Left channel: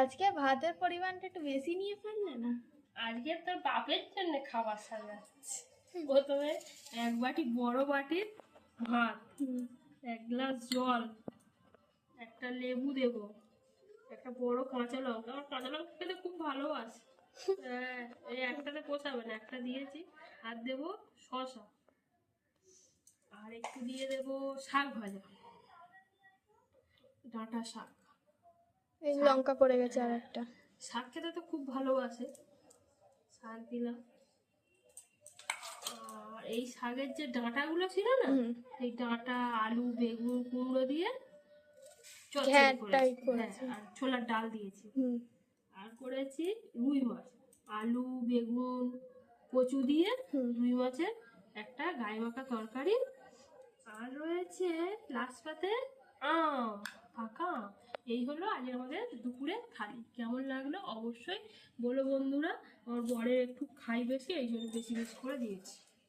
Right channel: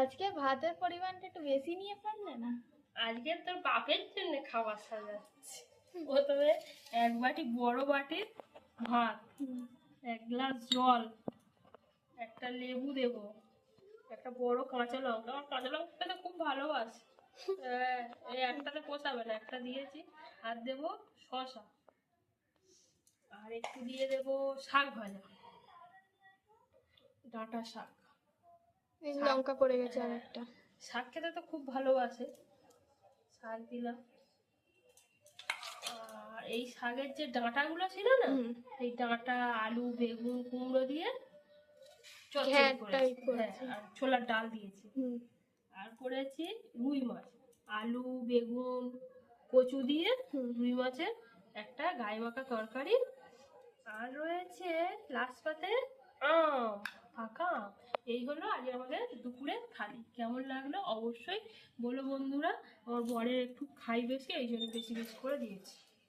আজকে ভাতের পরিমাণটা একটু বেশি নিয়ে পারলে না? আজকে তোর বাপের জন্য খাবার সাজাচ্ছি। প্রথমে এক বাটি বড় বাটির ভাত, এক গ্লাস জল, একটা লেবু দেবো, একটা বড় কাঁচা লঙ্কা, আমার কাঁচা লঙ্কা খেতে খুব ভালোবাসে। এই একটাতে পোষাবে না, একটা দিয়েছি। আর দেবো শসা, আর একটু দিয়ে দেবো শাক ভাজা, ডাঁটা শাক। এই লঙ্কা পড়ে গেছে আর একটা। শাক খেতে তো খুব ভালোবাসে, শাক দিলাম। আর এই শাকের যে ডাঁটাগুলো ছিল না, এই ডাঁটা, আলু, বেগুন, কুমড়ো দিয়ে চচ্চড়ি করেছি। আর ছোলার ডাল দিয়েছি। আর করেছি রুই মাছ, আলু, বেগুন, কচু দিয়ে রুই মাছের একটা গায়ে মাখা তরকারি। আর রয়েছে লাস্ট পাতে ফাঁকা। এই হলো আজ আমাদের দুপুরের থালি। কেমন লাগলো অবশ্যই বলো বন্ধুরা। আমার বরের একটু খাই বেশি, এই জন্য বেশি বেশি করে দিয়েছি।